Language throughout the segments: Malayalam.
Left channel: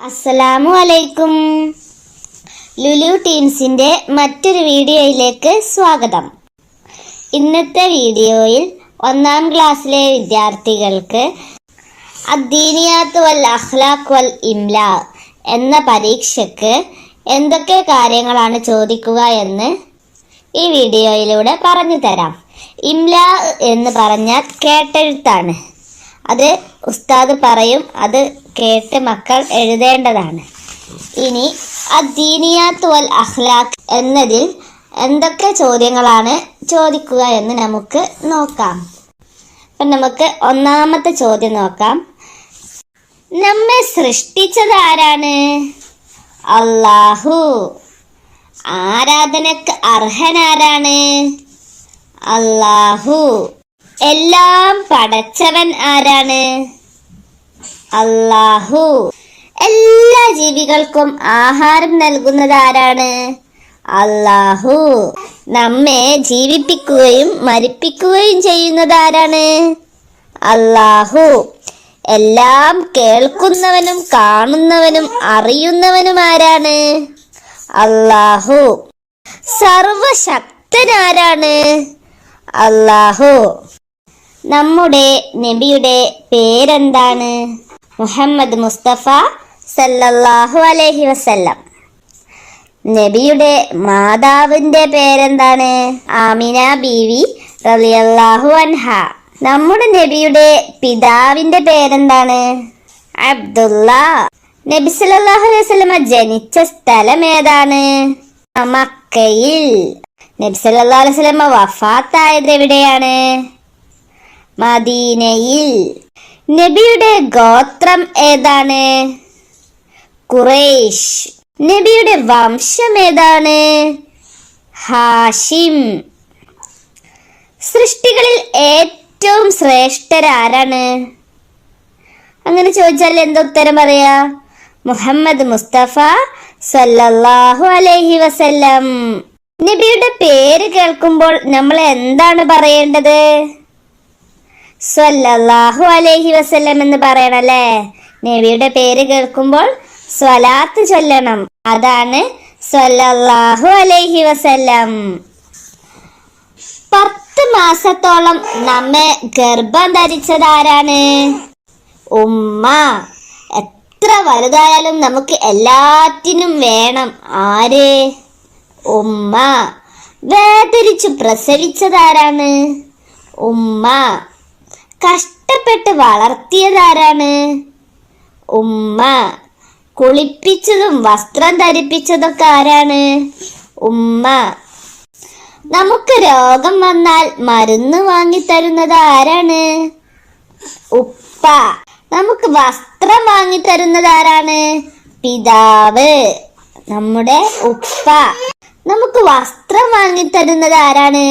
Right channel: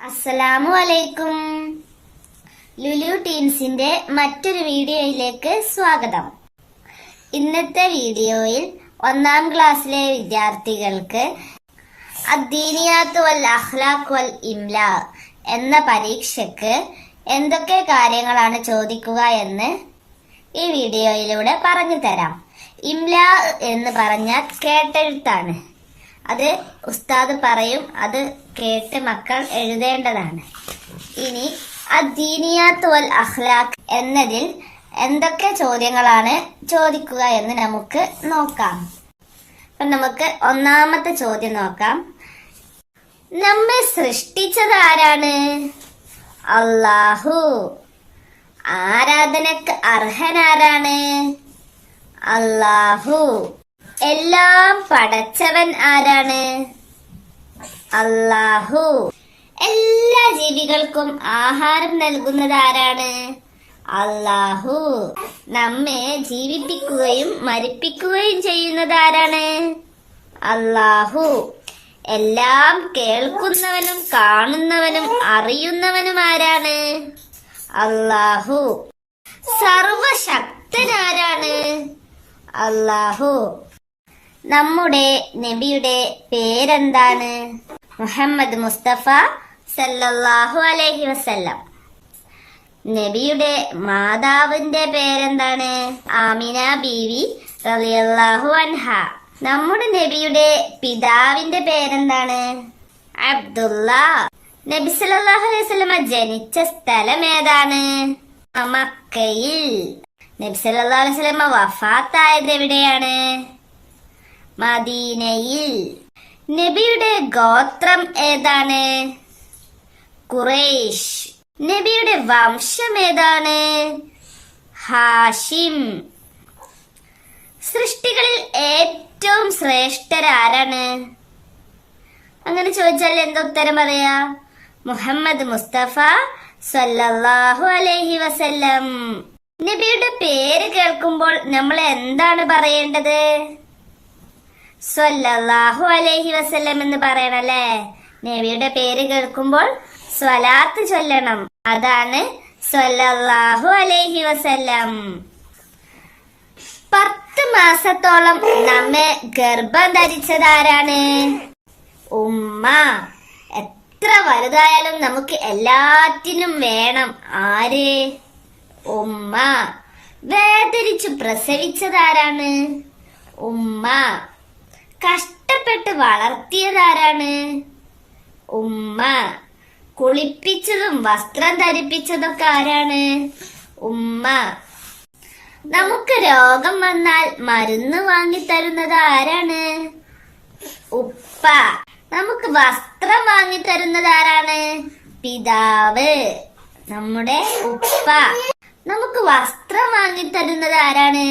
അസ്സലാമു അലൈക്കും ലുലു ടീംസിന്റെ മറ്റൊരു വീഡിയോയിലേക്ക് സ്വാഗതം. ഇന്നത്തെ വീഡിയോയിൽ ഒന്നാം ക്ലാസ്സിലെ വിദ്യാർത്ഥികൾക്ക് അദ്ദീനിയാത്ത് വൽ അഖ്ലാഖ് വൽ ഇംല എന്ന പരീക്ഷയ്ക്ക് എന്തൊക്കെ കാര്യങ്ങളാണ് ചോദിക്കുക എന്ന് ഈ വീഡിയോയിലൂടെ പറഞ്ഞു തരാം. ഇംല എന്ന് പറഞ്ഞാൽ കേട്ടെഴുത്താണ്. അത് ഉസ്താദ് പറയും അത് കേട്ട് മക്കൾ എഴുതേണ്ടതാണ്. ഇനി അദ്ദീനിയാത്ത് വൽ അഖ്ലാഖ് എന്നതിൽ എന്തൊക്കെ ചോദ്യങ്ങളാണ് ചോദിക്കുക എന്ന് നമുക്ക് നോക്കാം. അപ്പം നമുക്ക് ഒന്നാമത്തെ ചോദ്യം നോക്കാം. നമ്മെ സൃഷ്ടിച്ചത് ആരാണ്? അള്ളാഹു ആരാധനക്ക് അർഹനാരാണ് അള്ളാഹു എല്ലാം പടച്ചവൻ ആരാണ്? അള്ളാഹു എല്ലാ ജീവികൾക്കും ആഹാരം നൽകുന്നത് ആരാണ്? അള്ളാഹു നമ്മെ ജീവിപ്പിക്കുകയും മരിപ്പിക്കുകയും ചെയ്യുന്നത് ആരാണ്? അള്ളാഹു എല്ലാം കേൾക്കുന്നവനും കാണുന്നവനും അറിയുന്നവനും ആരാണ്? അള്ളാഹു സർവശക്തനാരാണ് അള്ളാഹു നമ്മുടെ നബിയുടെ പേരെന്താണ്? മുഹമ്മദ് മുസ്തഫ സല്ലല്ലാഹു അലൈഹി വസല്ലം. നബിയുടെ മാതാവിന്റെ പേരെന്താണ്? ആമിന ബീവി റളിയല്ലാഹു അൻഹ. നമ്മുടെ നബിയുടെ പിതാവിന്റെ പേരെന്താണ്? അബ്ദുള്ള നബി സല്ലല്ലാഹു അലൈഹി വസല്ലമ ജനിച്ച സ്ഥലം ഏതാണ്? മക്കയിൽ. നബി സല്ലല്ലാഹു അലൈഹി വസല്ലമ വഫാത്തായത് എവിടെയാണ്? മദീനയിൽ. നബിയുടെ ഗോത്രം ഏതാണ്? കുറേഷ് നബിയുടെ വംശം ഏതാണ്? ഹാഷിം. സൃഷ്ടികളിൽ ഏറ്റവും ശ്രേഷ്ഠരാരാണ് അങ്ങനെ ചോദിച്ചാൽ എന്താ ഉത്തരം പറയാ? മുഹമ്മദ് മുസ്തഫ സല്ലല്ലാഹു അലൈഹി വസല്ലം. നബിയുടെ പേര് കേൾക്കുമ്പോൾ നമ്മൾ എന്താണ് പറയേണ്ടത്? സ്വല്ലല്ലാഹു അലൈഹി വസല്ലം എന്ന് പറയണം അല്ലേ നബിയുടെ പേര് കേൾക്കുമ്പോൾ സ്വലാത്ത് ചൊല്ലണം. അതാണ് സ്വല്ലല്ലാഹു അലൈഹി വസല്ലം. പത്ത് മാസത്തോളം നമ്മെ ഗർഭം ധരിച്ചതാരാണ് ഉമ്മ. എത്ര വലുതായാലും നമുക്ക് എല്ലാറ്റിനും വേണം. ആര്? ഉമ്മ. വേദരിച്ചു പ്രസവിച്ചതാരാണ് ഉമ്മ. കഷ്ടപ്പെട്ട് വളർത്തിയതാരാണ്? ഉമ്മ. കുളിപ്പിച്ചതും വസ്ത്രം ധരിപ്പിച്ചതൊക്കെ ആരാണ്? ഉമ്മ. നമുക്ക് രോഗം വന്നാൽ മരുന്ന് വാങ്ങിത്തരുന്നത് ആരാണ്? ഉപ്പ. നമുക്ക് വസ്ത്രം വാങ്ങിത്തരുന്നത് ആരാണ്? പിതാവ്. നമ്മുടെ ഉപ്പ. നമുക്ക് വസ്ത്രം വാങ്ങിത്തരുന്നത് ആരാണ്?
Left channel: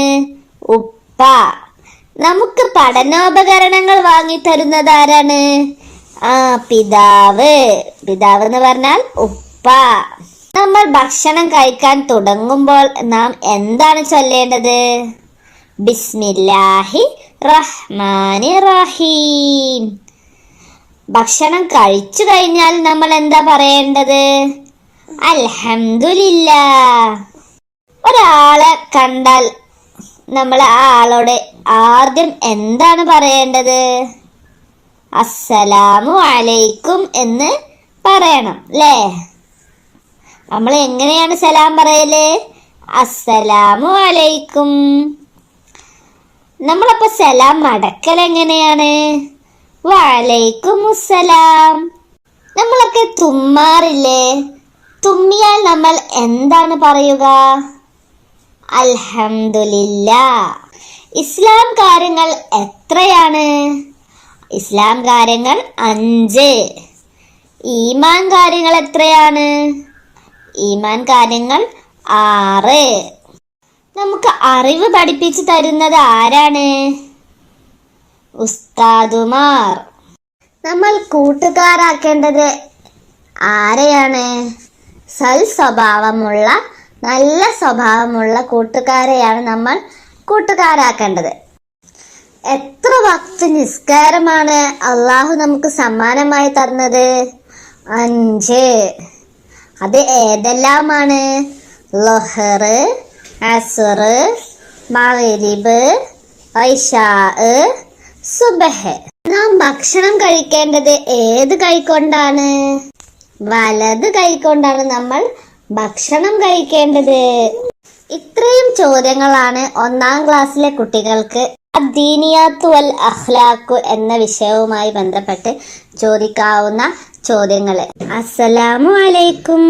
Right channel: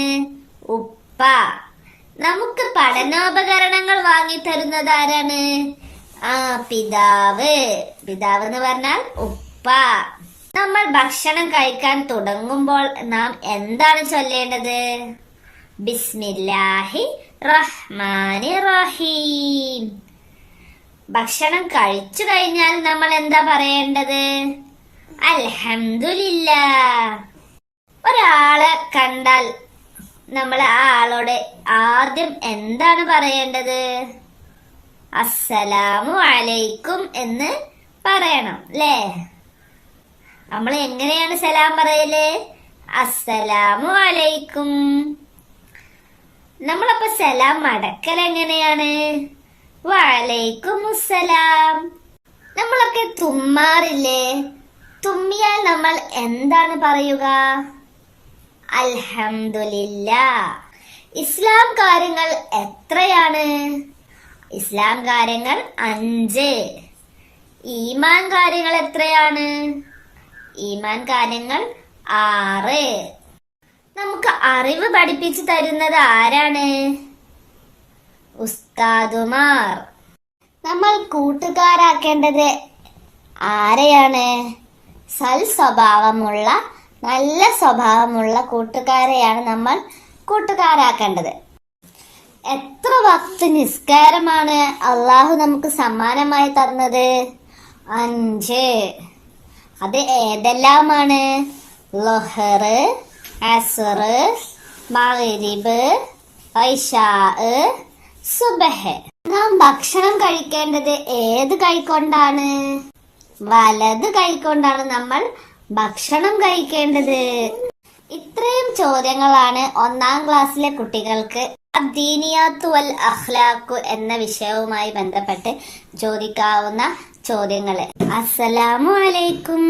ഉപ്പ. നമുക്ക് പഠനോപകരണങ്ങൾ വാങ്ങിത്തരുന്നത് ആരാണ്? ആ പിതാവ്. പിതാവ് എന്ന് പറഞ്ഞാൽ ഉപ്പ. നമ്മൾ ഭക്ഷണം കഴിക്കാൻ തുടങ്ങുമ്പോൾ നാം എന്താണ് ചൊല്ലേണ്ടത്? ബിസ്മില്ലാഹി റഹ്മാനി റഹീം. ഭക്ഷണം കഴിച്ചു കഴിഞ്ഞാൽ നമ്മൾ എന്താ പറയേണ്ടത്? അൽഹംദുലില്ല ഒരാളെ കണ്ടാൽ നമ്മൾ ആ ആളോട് ആദ്യം എന്താണ് പറയേണ്ടത്? അസ്സലാമു അലൈക്കും എന്ന് പറയണം അല്ലേ നമ്മൾ എങ്ങനെയാണ് സലാം പറയൽ? അസ്സലാമു അലൈക്കും. നമ്മളപ്പോ സലാം മടക്കൽ എങ്ങനെയാണ്? വലൈക്കും അസ്സലാം നമ്മളൊക്കെ തുമ്മാറില്ലേ? തുമ്മിയാൽ നമ്മൾ എന്താണ് പറയുക? അൽഹംദുലില്ല. ഇസ്ലാം കാര്യങ്ങൾ എത്രയാണ്? ഇസ്ലാം കാര്യങ്ങൾ അഞ്ച്. ഈമാൻ കാര്യങ്ങൾ എത്രയാണ്? ഈമാൻ കാര്യങ്ങൾ ആറ്. നമുക്ക് അറിവ് പഠിപ്പിച്ചു തരുന്നത് ആരാണ്? ഉസ്താദുമാർ. നമ്മൾ കൂട്ടുകാരാക്കേണ്ടത് ആരെയാണ്? സൽ സ്വഭാവമുള്ള നല്ല സ്വഭാവമുള്ള കൂട്ടുകാരെയാണ് നമ്മൾ കൂട്ടുകാരാക്കേണ്ടത്. എത്ര വക്ത് നിസ്കാരമാണ് അള്ളാഹു നമുക്ക് സമ്മാനമായി തന്നത്? അഞ്ച്. അത് ഏതെല്ലാമാണ്? ലൊഹർ അസുർ മഗ്രിബ് ഐഷാ സുബഹ്. നാം ഭക്ഷണം കഴിക്കേണ്ടത് ഏത് കൈക്കൊണ്ടാണ് വലത് കൈക്കൊണ്ടാണ് നമ്മൾ ഭക്ഷണം കഴിക്കേണ്ടത്? ഇത്രയും ചോദ്യങ്ങളാണ് ഒന്നാം ക്ലാസ്സിലെ കുട്ടികൾക്ക് അദ്ദീനിയാത്തു വൽ അഹ്ലാഖു എന്ന വിഷയവുമായി ബന്ധപ്പെട്ട് ചോദിക്കാവുന്ന ചോദ്യങ്ങൾ അസ്സലാമു അലൈക്കും.